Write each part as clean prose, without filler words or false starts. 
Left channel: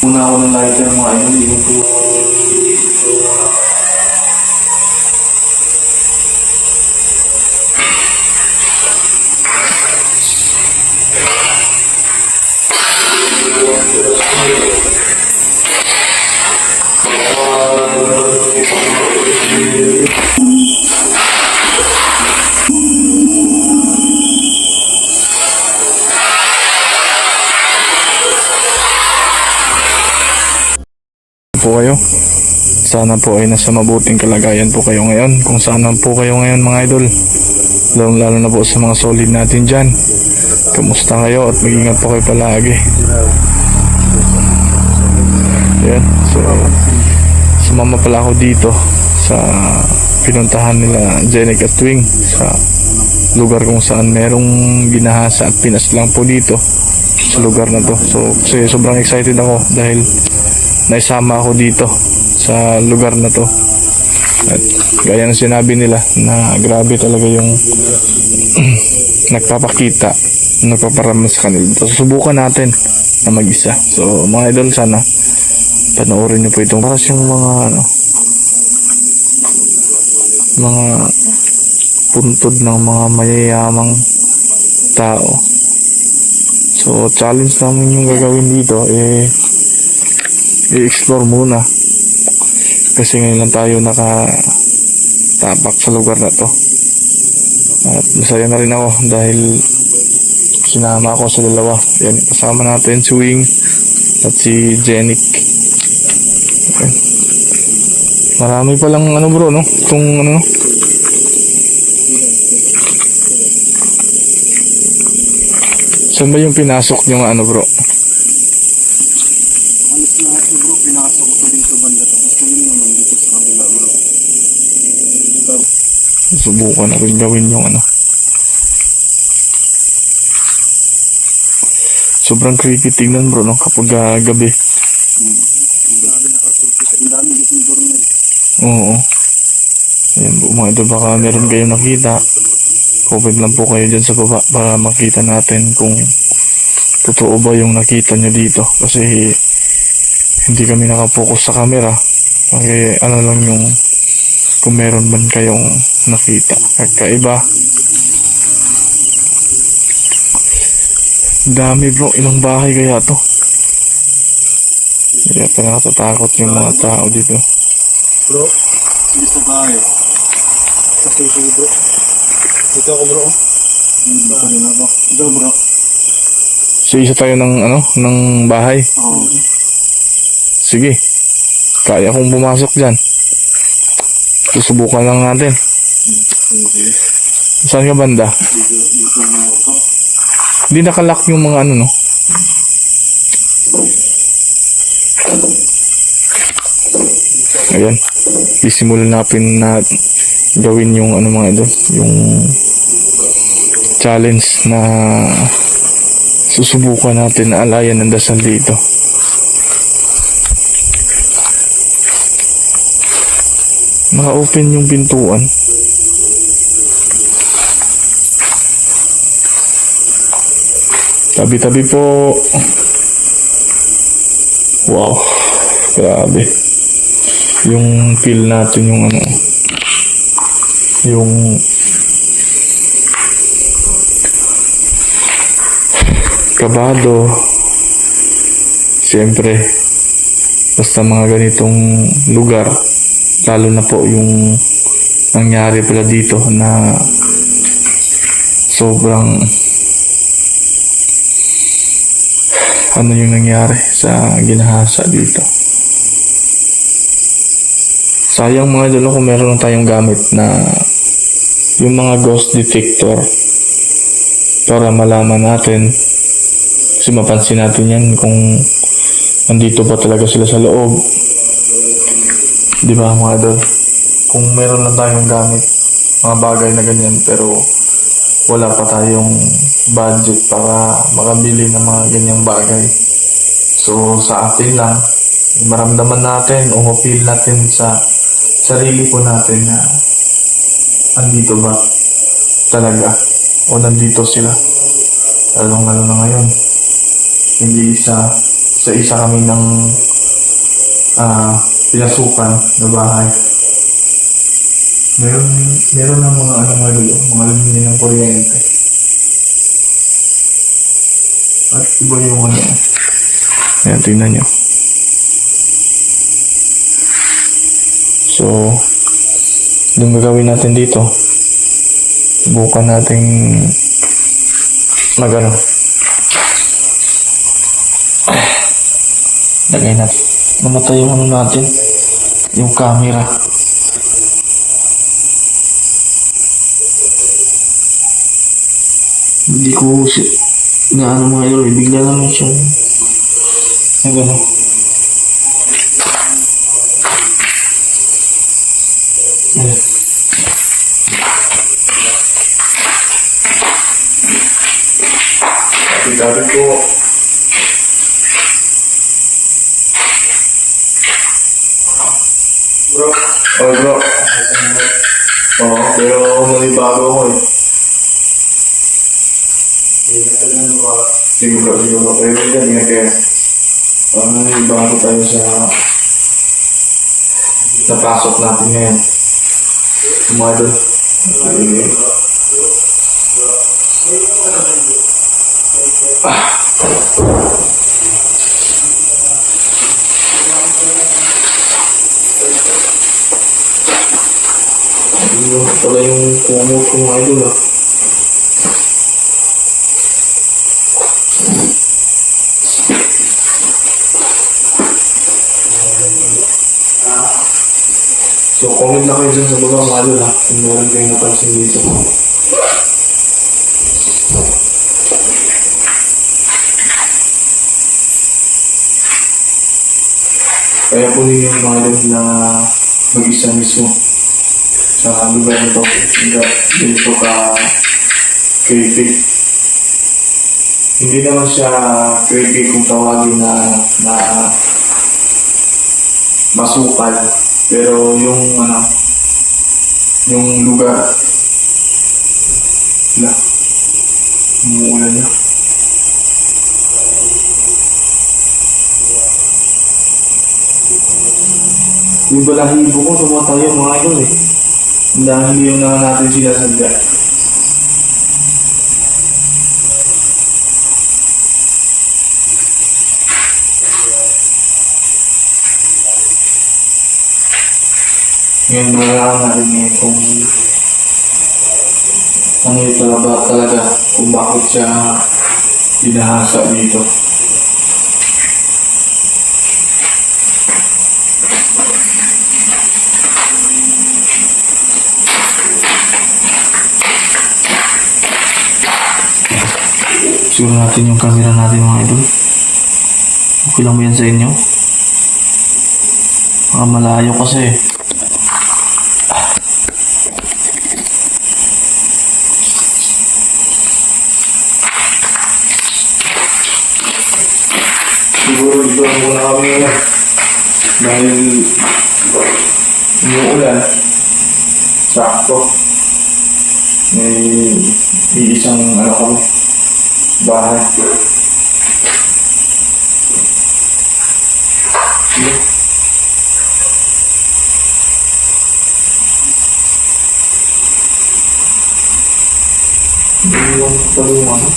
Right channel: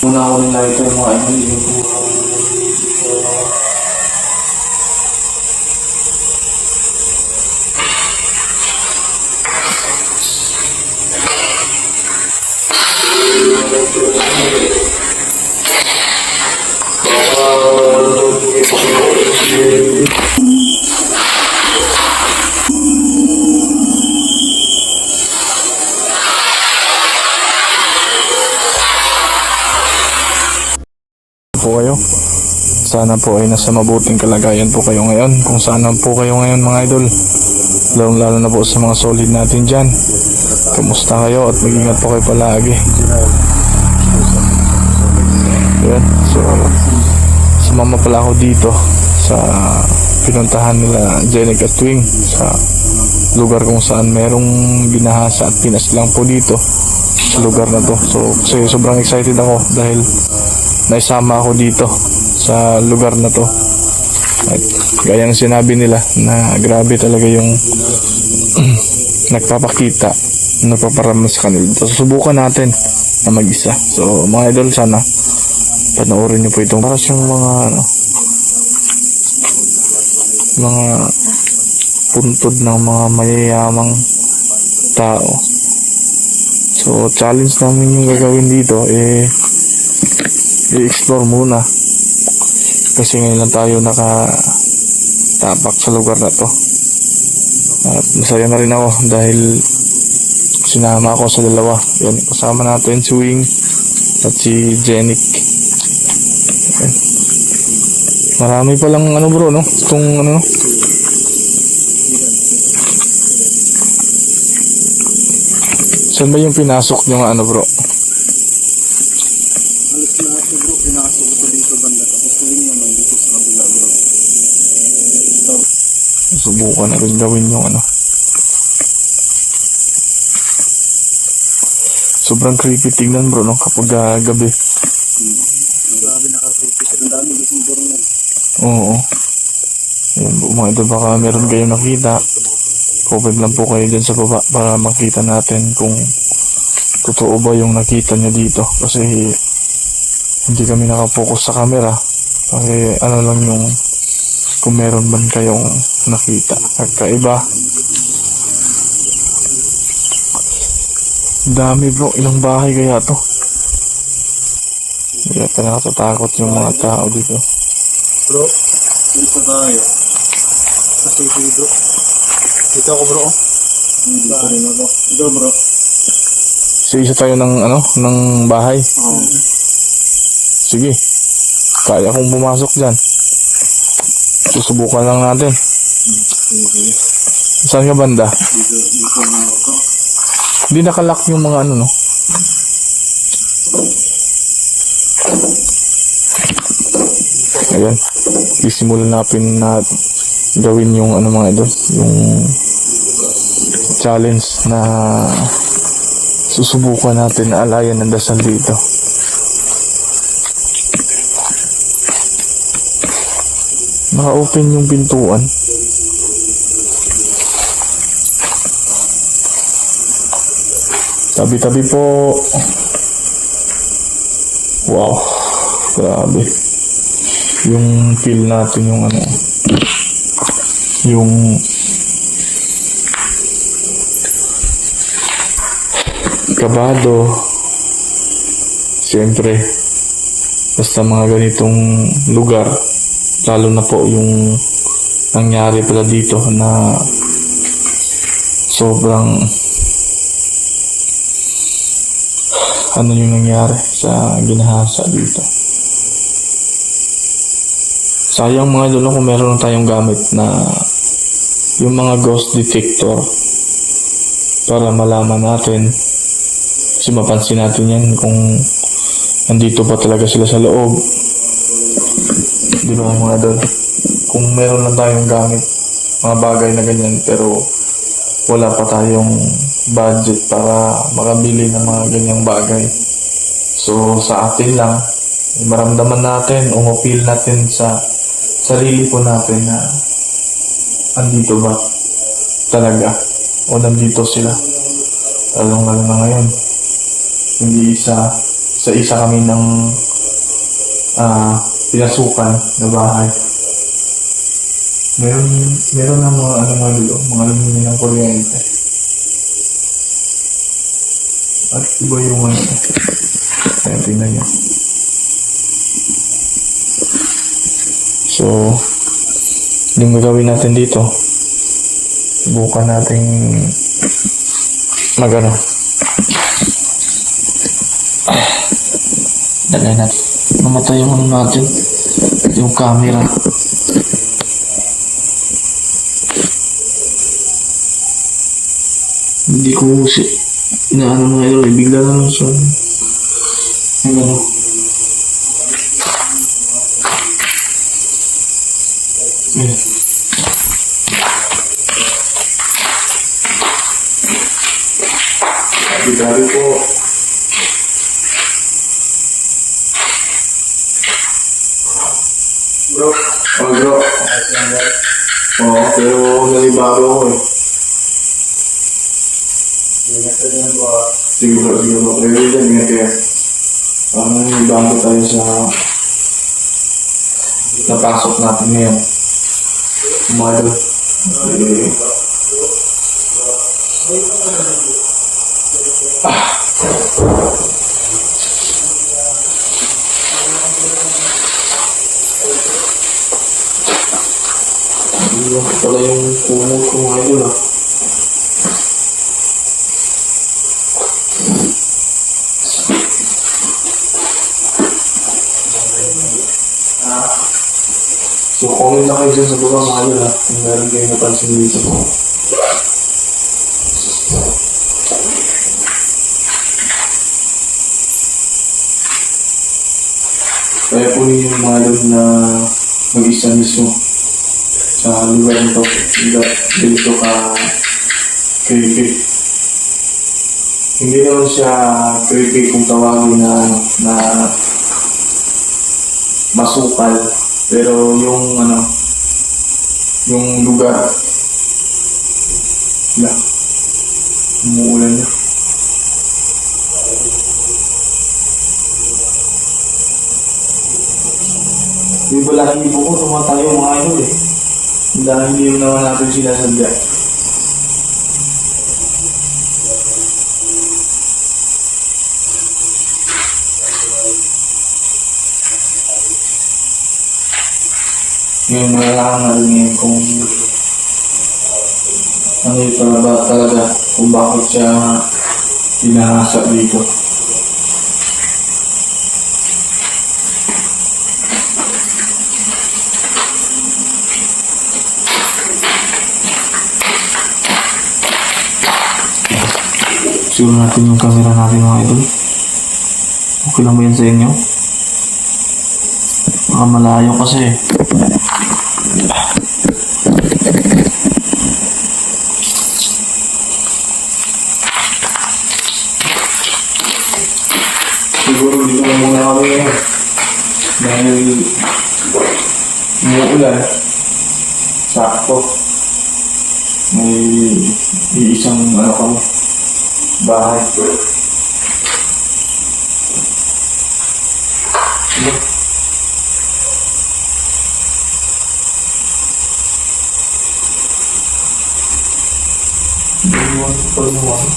Muna ako ng lighter mga idol, yung po. Po kayo. Sana po ay nasa mabuting kalagayan po kayo ngayon. Kung saan po kayo ngayon mga idol. Lalo na po sa mga solid natin dyan. Kamusta kayo at mag-ingat po kayo palagi. Yan. So, sumama pala ako dito sa pinuntahan nila Jenek at Twing sa lugar kung saan merong ginahasa at pinas lang po dito sa lugar na to. So, kasi sobrang excited ako dahil naisama ako dito sa lugar na to. At gaya ng sinabi nila na grabe talaga yung nagpapakita, nagpaparamdam sa kanila. So, susubukan natin na mag-isa. So mga idol, sana panoorin nyo po itong para siyang mga puntod ng mga mayayamang tao. So challenge namin yung gagawin dito i-explore muna kasi ngayon lang tayo nakatapak sa lugar na to at masaya na rin ako dahil sinama ako sa dalawa. Yan, kasama natin si Wing at si Jenik. Okay. Marami palang bro, no? Itong no? Saan ba yung pinasok yung bro? Subukan na rin gawin yung sobrang creepy tingnan bro, no? Kapag gabi. Oo. Ayan po mga idol, baka meron kayong nakita. Comment lang po kayo dyan sa baba para makita natin kung totoo ba yung nakita nyo dito. Kasi hindi kami nakapokus sa camera. Kasi lang yung kung meron man kayong nakita kakaiba. Dami bro, ilang bahay kaya to? Kaya nakatatakot yung mga tao dito. Bro, dito tayo. Kasi bro. Dito ako bro. Dito rin ako. Dito bro. So isa tayo ng bahay. Oo. Sige. Kaya kong pumasok dyan. Susubukan lang natin. Okay. Saan ka banda? Dito na ako. Hindi nakalock yung mga no? Ayan. Isimulan natin na gawin yung mga ito. Yung challenge na susubukan natin na alayan ng dasal dito. Naka-open yung pintuan. Tabi-tabi po. Wow. Grabe. Yung feel natin yung yung kabado. Siyempre basta mga ganitong lugar, lalo na po yung nangyari pala dito na sobrang yung nangyari sa ginahasa dito. Sayang mga idol kung meron lang tayong gamit na yung mga ghost detector para malaman natin, kasi mapansin natin yan kung nandito pa talaga sila sa loob, di ba mga idol? Kung meron lang tayong gamit, mga bagay na ganyan, pero wala pa tayong budget para makabili ng mga ganyang bagay. So sa atin lang, maramdaman natin o mapil natin sa sarili po natin na andito ba talaga o nandito sila. Lalo na ngayon, hindi isa sa isa kami ng pinasukan na bahay. Meron na mga ano nga dulo, mga linya ng kuryente. At iba yung ano. Ayan, tingnan nyo. So, yung gagawin natin dito, subukan natin magano. Lagay natin. Namatay yung ano natin, yung camera. Hindi ko na ano mga idol, bigla naman siya. Ay, gano'n. Ayan. Sabi ko, bro. Oh, bro. Oo, pero nalibago ako eh. Sige bro. Pero dyan, ingat kayo. Parang nalibago tayo sa napasok natin ngayon. Mga idol. Yung pala yung kumot ko mga idol ah. So comment na kayo dyan sa baba mga idol ah. Kung meron kayong napansin dito. Kaya po yung mga idol na mag-isa mismo sa lugar nito, dito ka creepy. Hindi naman siya creepy kung tawagin na masukal, pero yung yung lugar na umuulan na. May balahibo ko, tumatayo mga idol eh. Dahil yun naman natin sinasadya. Ngayon malaman natin ngayon kung ano yung talaga kung bakit siya binahasa dito. Siguro natin yung camera natin mga idol. Okay lang ba yan sa inyo? Baka malayo kasi. Siguro dito na muna kami ngayon. Dahil umuulan. Sakto. May iisang kami. Bahay. Iwan pa yung ano.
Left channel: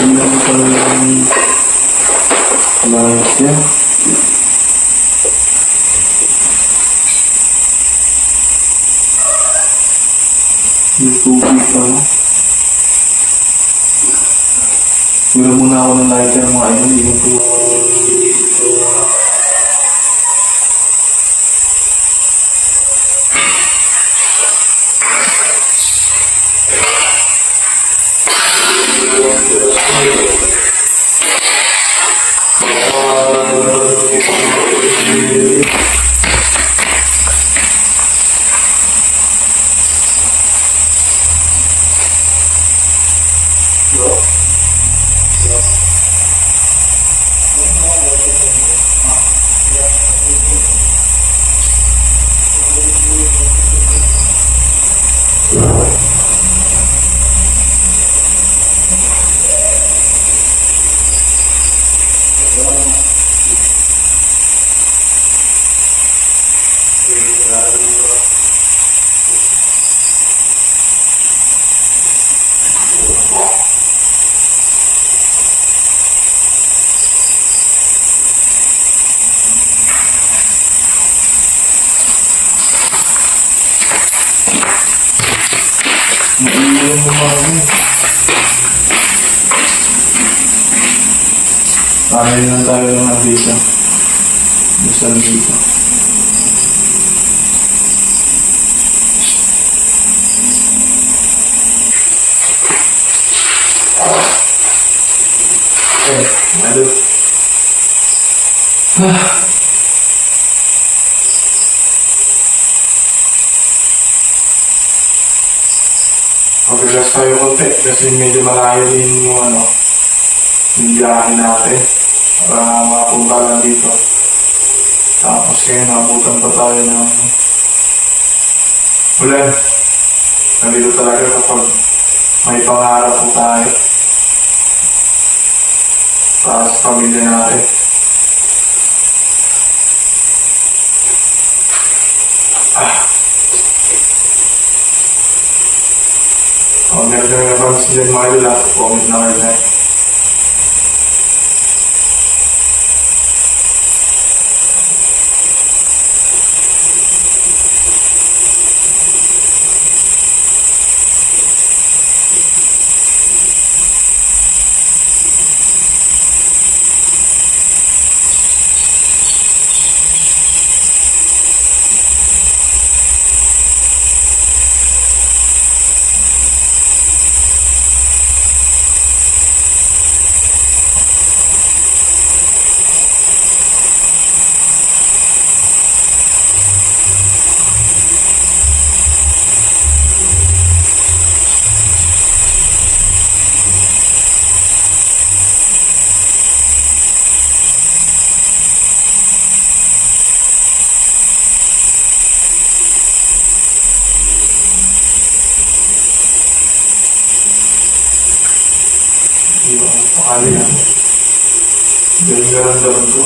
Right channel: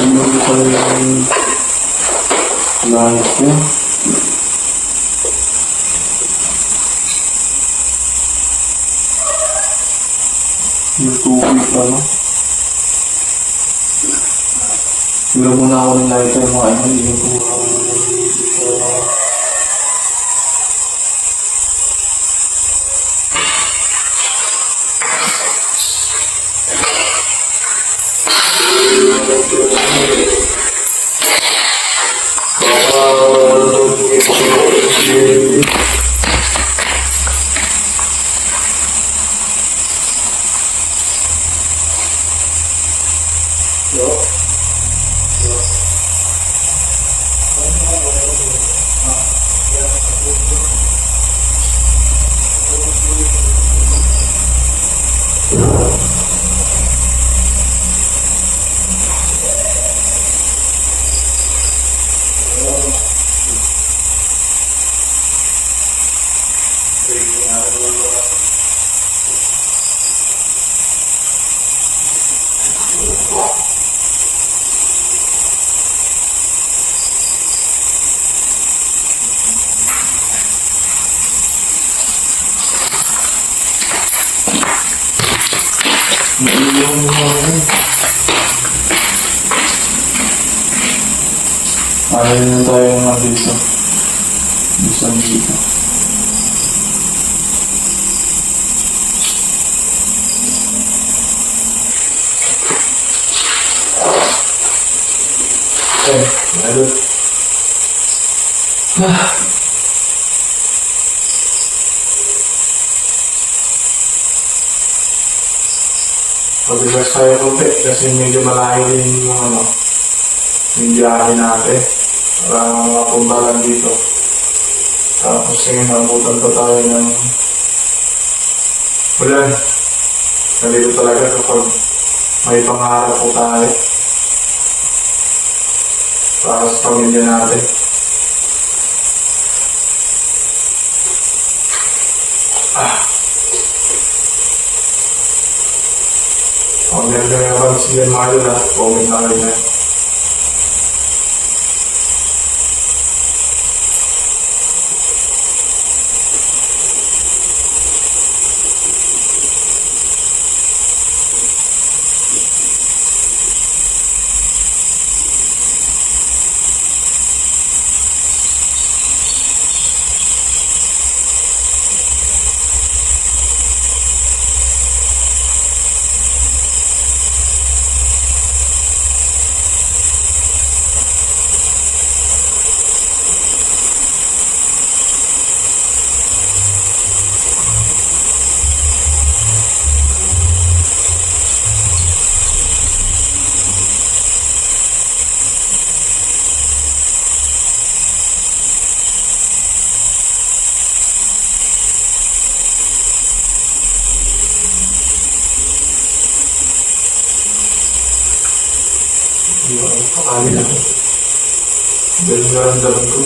Iwan pa yung light niya. Yung tubig pa, no? Siguro muna ako ng lighter mga idol. Yung Yung mga yun. Ayaw na tayo na dito. Bisan dito. Aduh. Pag-relax tayo konti kasi medyo malayo din yung yung biyahe natin para mapunta lang dito. Tapos ngayon nabutan pa tayo ng ulan. Nandito talaga kapag may pangarap po tayo para sa pamilya natin. Kung meron kami napansin dyan mga idol, comment na kayo dyan. Hindi ako pakali lang. Dahil naramdaman ko.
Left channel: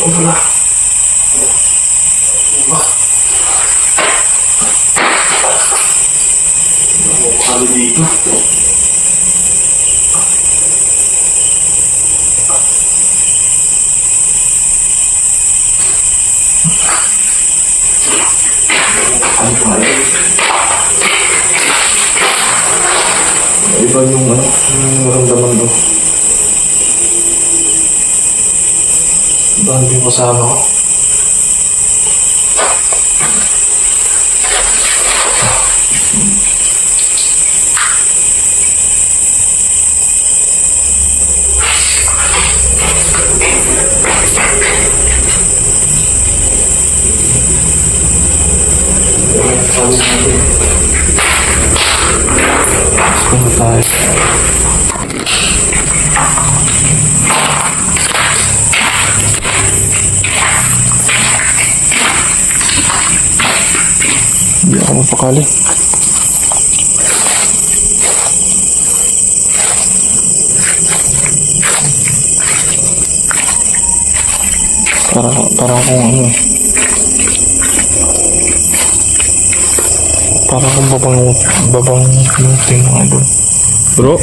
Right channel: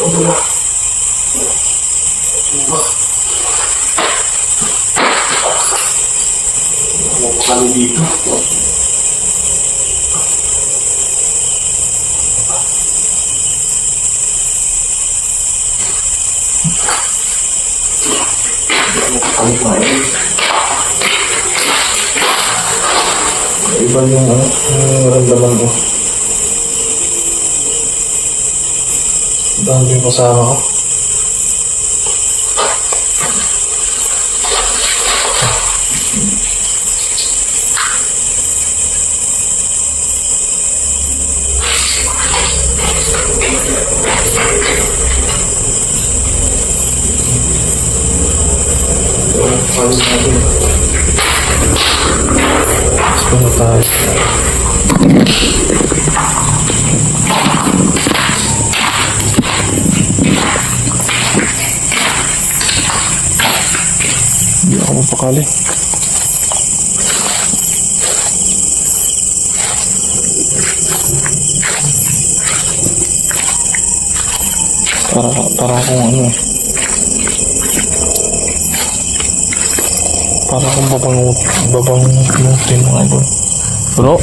Wala. Kali dito. Kali pa yun. Iba yung naramdaman ko. Iba yung kasama ko. Tayo. Hindi ako mapakali. Para akong Para kung babangutin mga idol. Bro?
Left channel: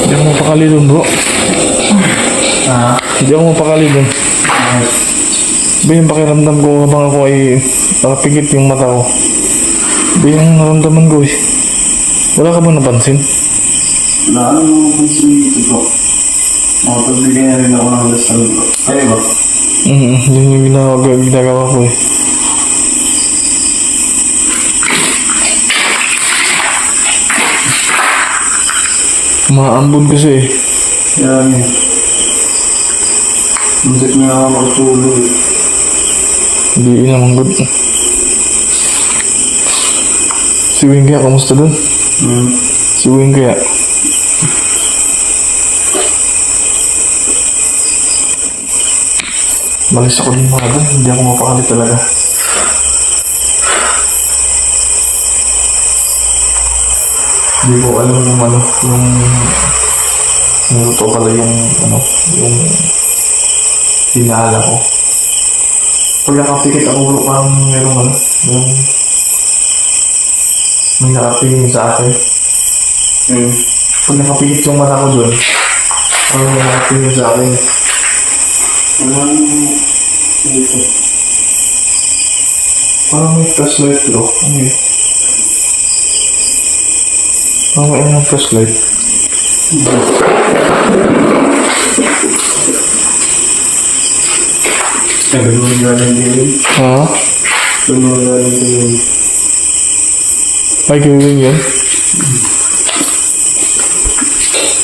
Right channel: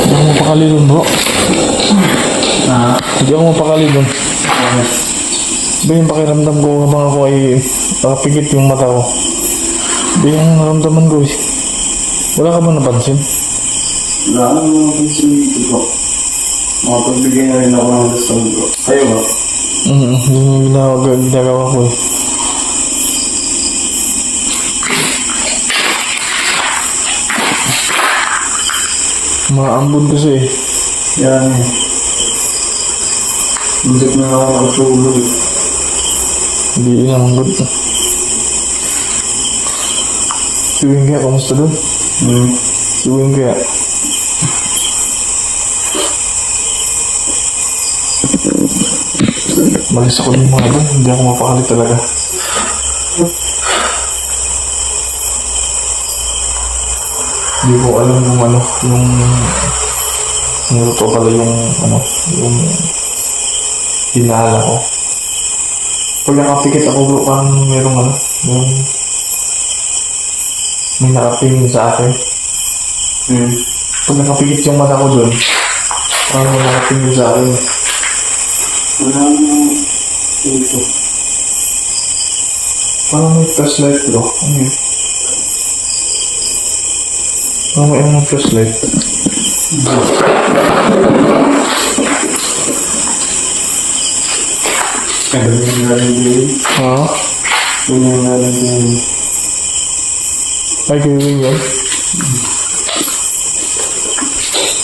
Hindi ako mapakali dun, bro. Hindi ako mapakali dun. Ba yung pakiramdam ko habang ako ay nakapikit yung mata ko. Ba yung naramdaman ko eh. Wala ka ba napansin? Wala nang napansin dito bro. Makapagbigay na rin ako ng dasal bro. Kayo ba? Yun yung ginagawa ko eh. Maambon kasi eh. Yan eh. Busit na ako makatulog eh. Hindi inamanggod. Si Wing kaya, kamusta dun? Si Wing kaya. Malis ako din mga dun. Hindi ako mapakali talaga. Hindi ko alam yung ano, yung totoo pala yung ano, yung hinahala ko. Pag nakapikit ako bro, parang merong ano, may nakapingin sa akin. Pag nakapikit yung mata ko dun, parang may nakapingin sa akin. Wala nang dito. Parang may flashlight bro. Ano yun? Parang may ano ng flashlight. Kaya doon yung galing din. Ha? Doon yung galing din. Ay, gawin yan.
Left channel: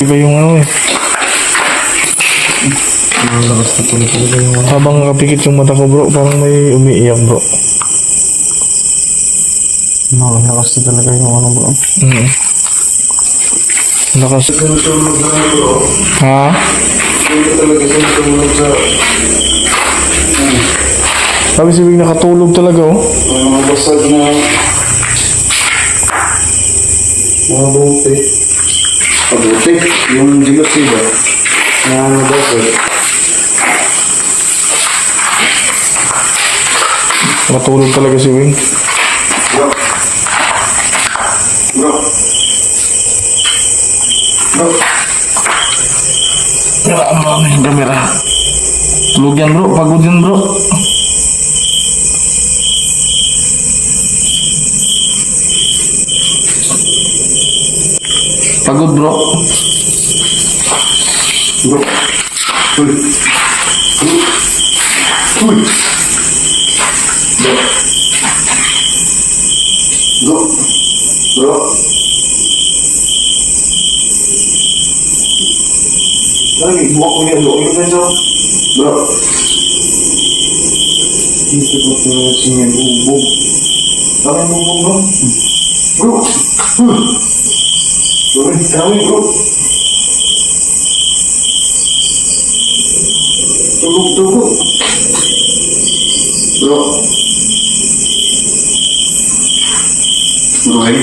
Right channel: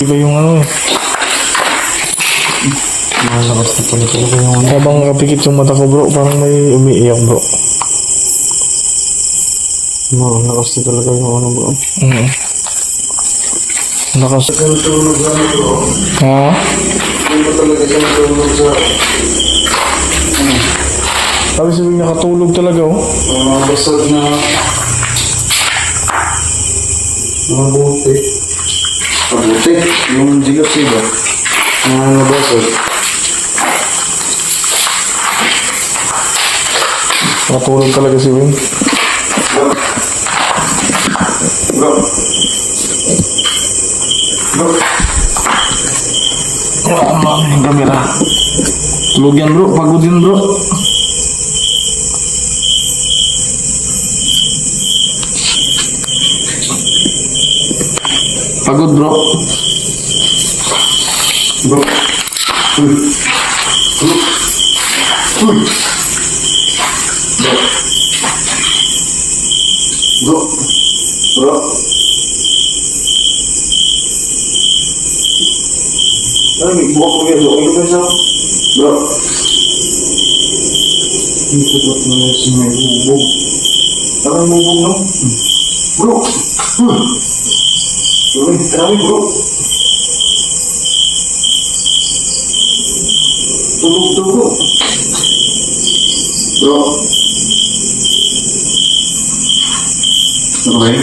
Iba yung ano eh. Malakas na pala talaga yung ano. Habang nakapikit yung mata ko bro, parang may umiiyak bro. Malakas na talaga yung ano bro. Lakas. Tulog na bro. Ha? Hindi ko talaga tulog sa... Sabi sabihin nakatulog talaga oh. Yung mga basag na... mga buti. Pabuti? Yung jealousy ba? Mga basag. Nakatulog talaga si Wing. Bro. Bro. Bro. Kaya ang mami yung camera. Tulog yan bro, pagod yan bro. Pagod bro. Bro. Uy. Uy. Bro. Bro. Bro. Lagi, buka ko niya. Loko yung beso. Bro. Dito ba ito na siya bubog? Tama yung bubog, no? Bro. Tama yung bro. Tulog. Bro. Roy.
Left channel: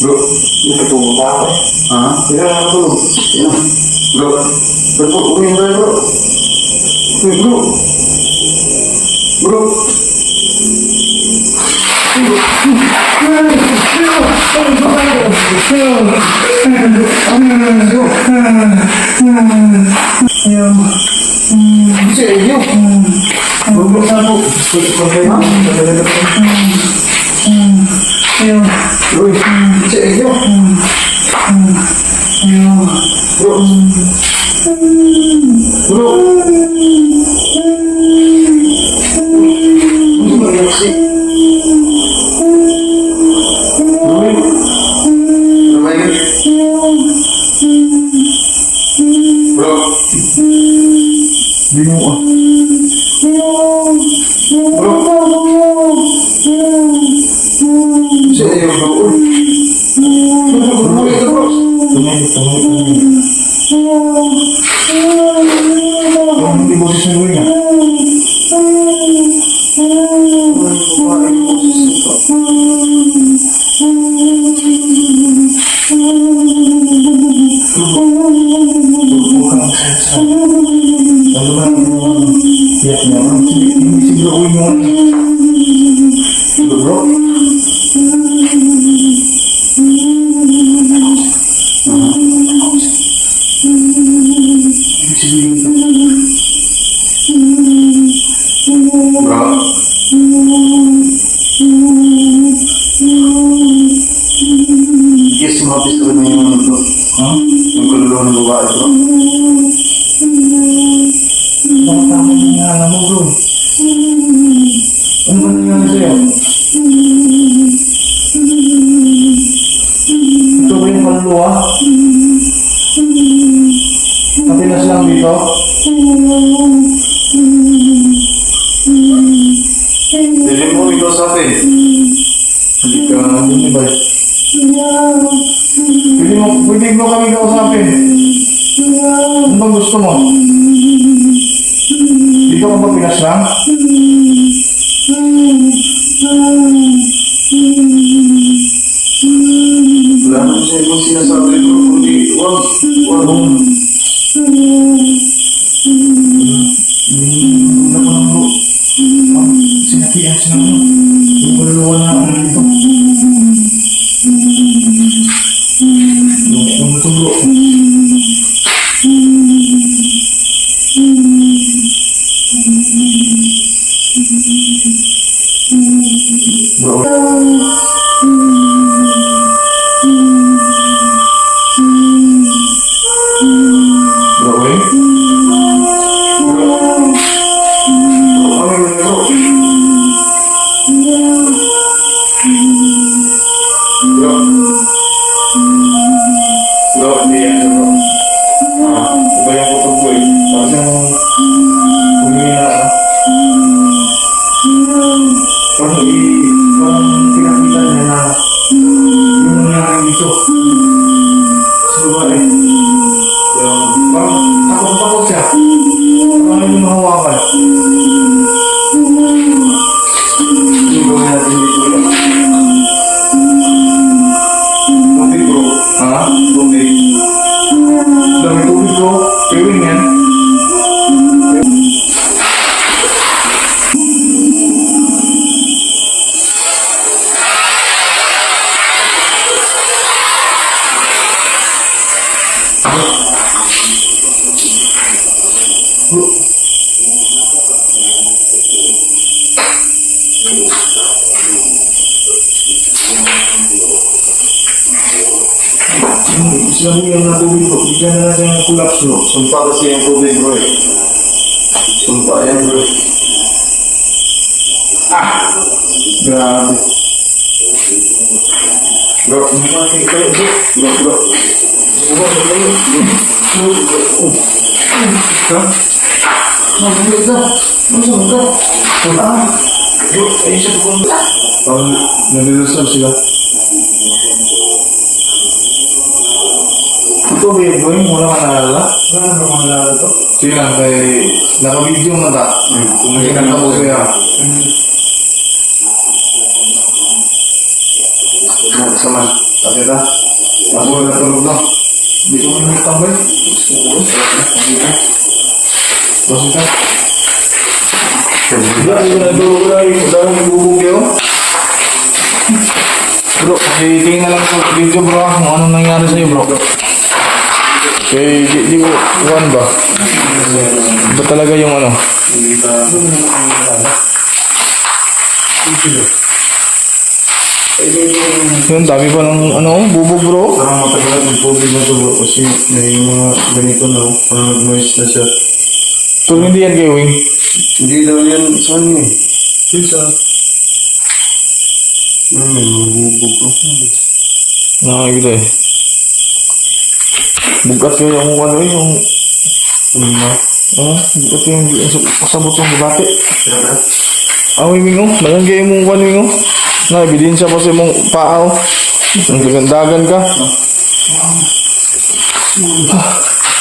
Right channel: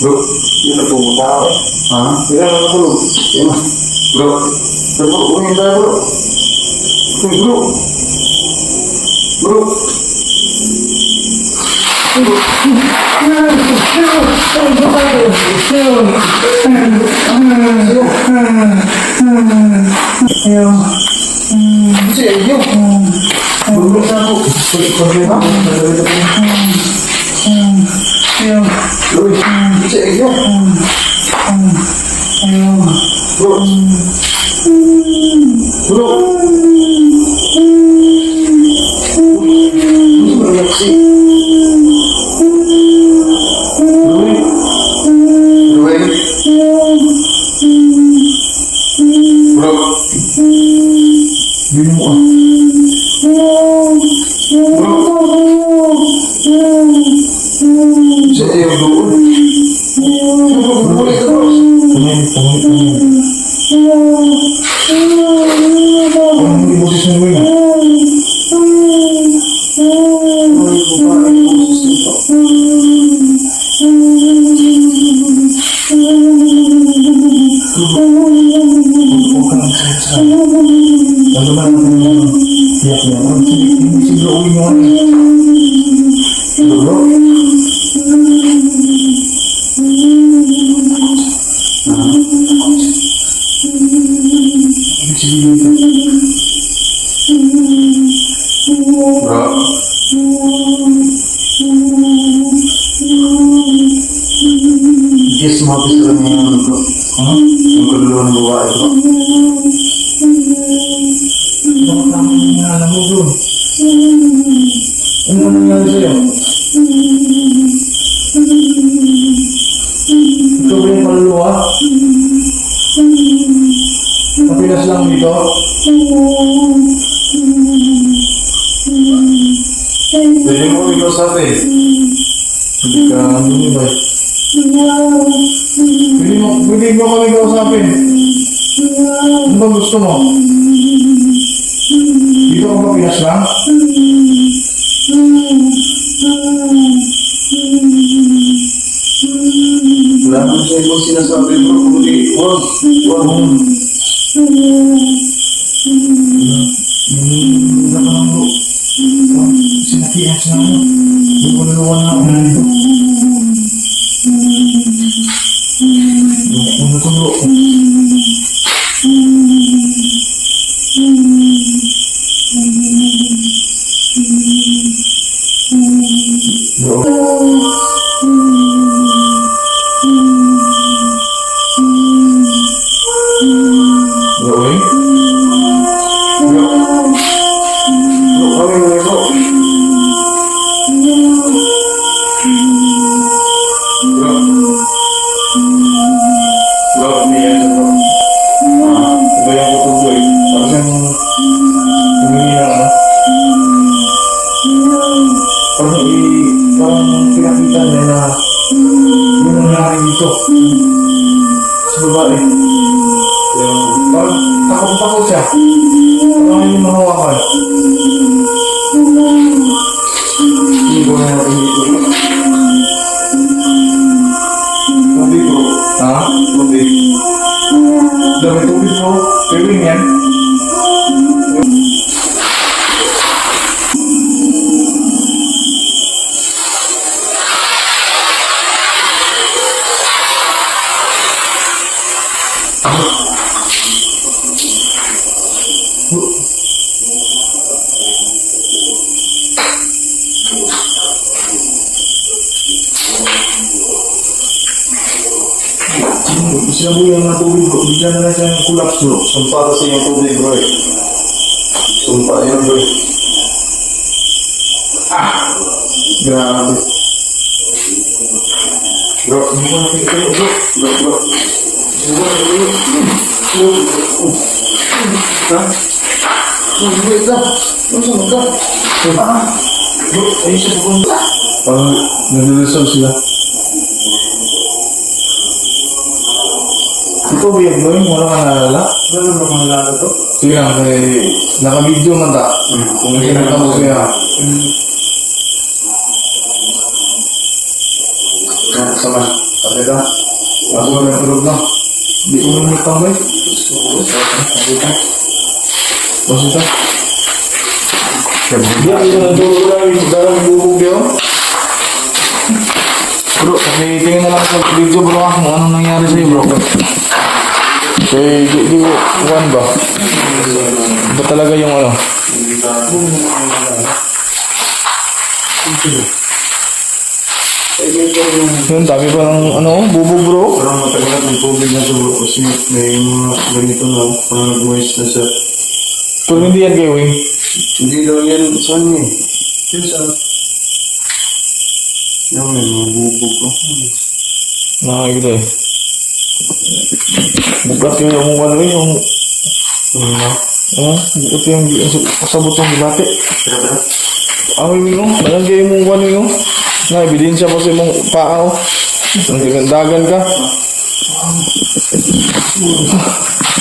Bro. Yung natulog na ako eh. Ha? Hindi ka nakatulog. Yan. Bro. Bro. Uwi na bro. Uy bro. Bro. Ano ba yung Yes, mapis ko na yung ano bro. Yung kaluluwa ng babae bro. Baka tama yung alam mo bro. Ano nangyari sa'yo? Ito ba yung kaluluwa? Kapilas lang dito? Dili mo ikaw sa atin. Hindi ka, hindi ba? Pwede mo kami kausapin. Ano bang gusto mo? Dito ka ba Pinas lang? Wala mo siya ibang sinasabi bro. Kundi, wag. Wala ka lang bro. Sinatihan siya na. Yung kaluluwa na ako nito. Ano to bro? Bro. Bro, eh? Bro, kami mo bro. Bro. Bro, hindi yan bro. Iba yung kutog ko eh. Tapos yung humingi ng ano. Parang pinakita niya na yung nangyari dito. Sa babae. Parang takot-takot siya. Parang yung mahawakan. Hindi ko na natin dito bro. Sabi bro. Ha? Tubig. Dami tubig ko. Pwing yan. Sinabi yung mga tubig ko. Bigyan na lang siya ng collapse bro. Sumpa kasi yung tubig bro eh. Sumpa yan bro. Grabe. Bro, hindi ko natin kayo bro. Bro. Ha? Mabulit ka. Mabulit ka. Bro, ayun siya pupunta. Parang nagre-resolve sila. Ito ba yung boy? Wala ka naalala? Wala na bang nalala to? Sige lang, kay naka-video man ta. Kung may kinang mo kaya. Sama. Sabi ka? Ako na tulog lang. Di ko nang tambay. Sabi ka? Tapos ito? Di ako na tulog lang yung dalang bubog yun. Bro, tingin na lang sa video bro kung anong nangyari sa'yo bro. Di ko, kuhan ba? Ba talaga yung ano? Yun, dami pa ng ano, bubog bro. Parang matagal ng tubig na to bro. Kasi may mga ganito na. Parang nag-noise na siya. Pero hindi yan kay Wing. Hindi daw yan saan eh. Sa may mga bubog ko. Nakakita eh. Bugat yung ano yung bugat yung kasabot yung gibate. Ang Wing mo, nalangay mo ano yung na, ebidensya pa sa mong paaw. Nagdagan ka.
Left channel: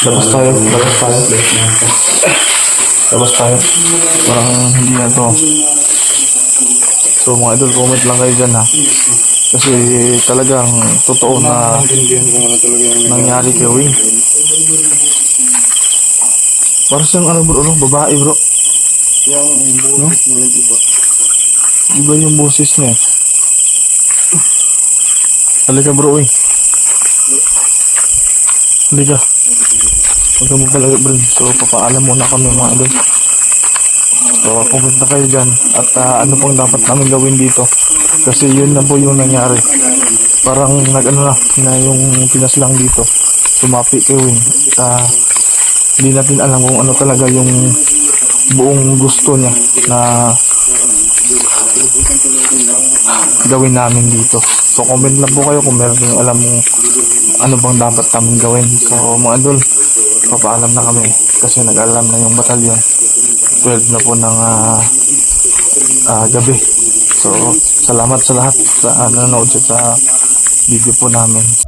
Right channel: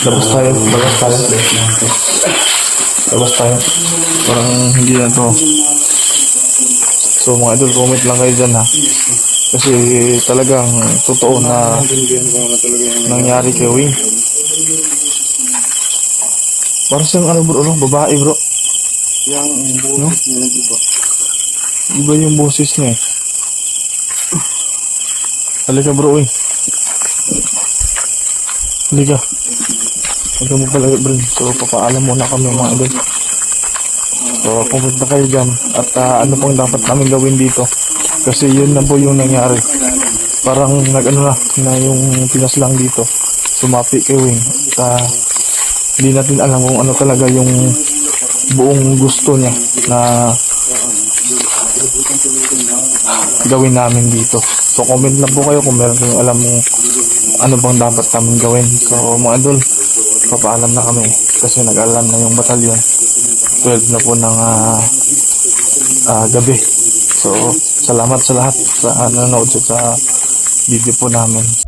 Labas tayo. Parang hindi na to. So mga idol, comment lang kayo dyan ha. Kasi talagang totoo na nangyari kay Wing. Para siyang ano bro, babae bro. Yung boses niya nag-iba. Iba yung boses niya eh. Halika bro, Halika. Huwag mo pala, bro. So, papaalam muna kami mga idol. So, pumunta kayo dyan. At ano pang dapat namin gawin dito. Kasi yun na po yung nangyari. Parang nag-ano na yung pinaslang dito. Sumapi kay Wing. Hindi natin alam kung ano talaga yung buong gusto niya na gawin namin dito. So, comment lang po kayo kung meron kayong alam kung ano bang dapat namin gawin. So, mga idol, papaalam na kami kasi nag-alam na yung batalyon. 12 na po ng gabi. So, salamat sa lahat sa nanonood sa video po namin.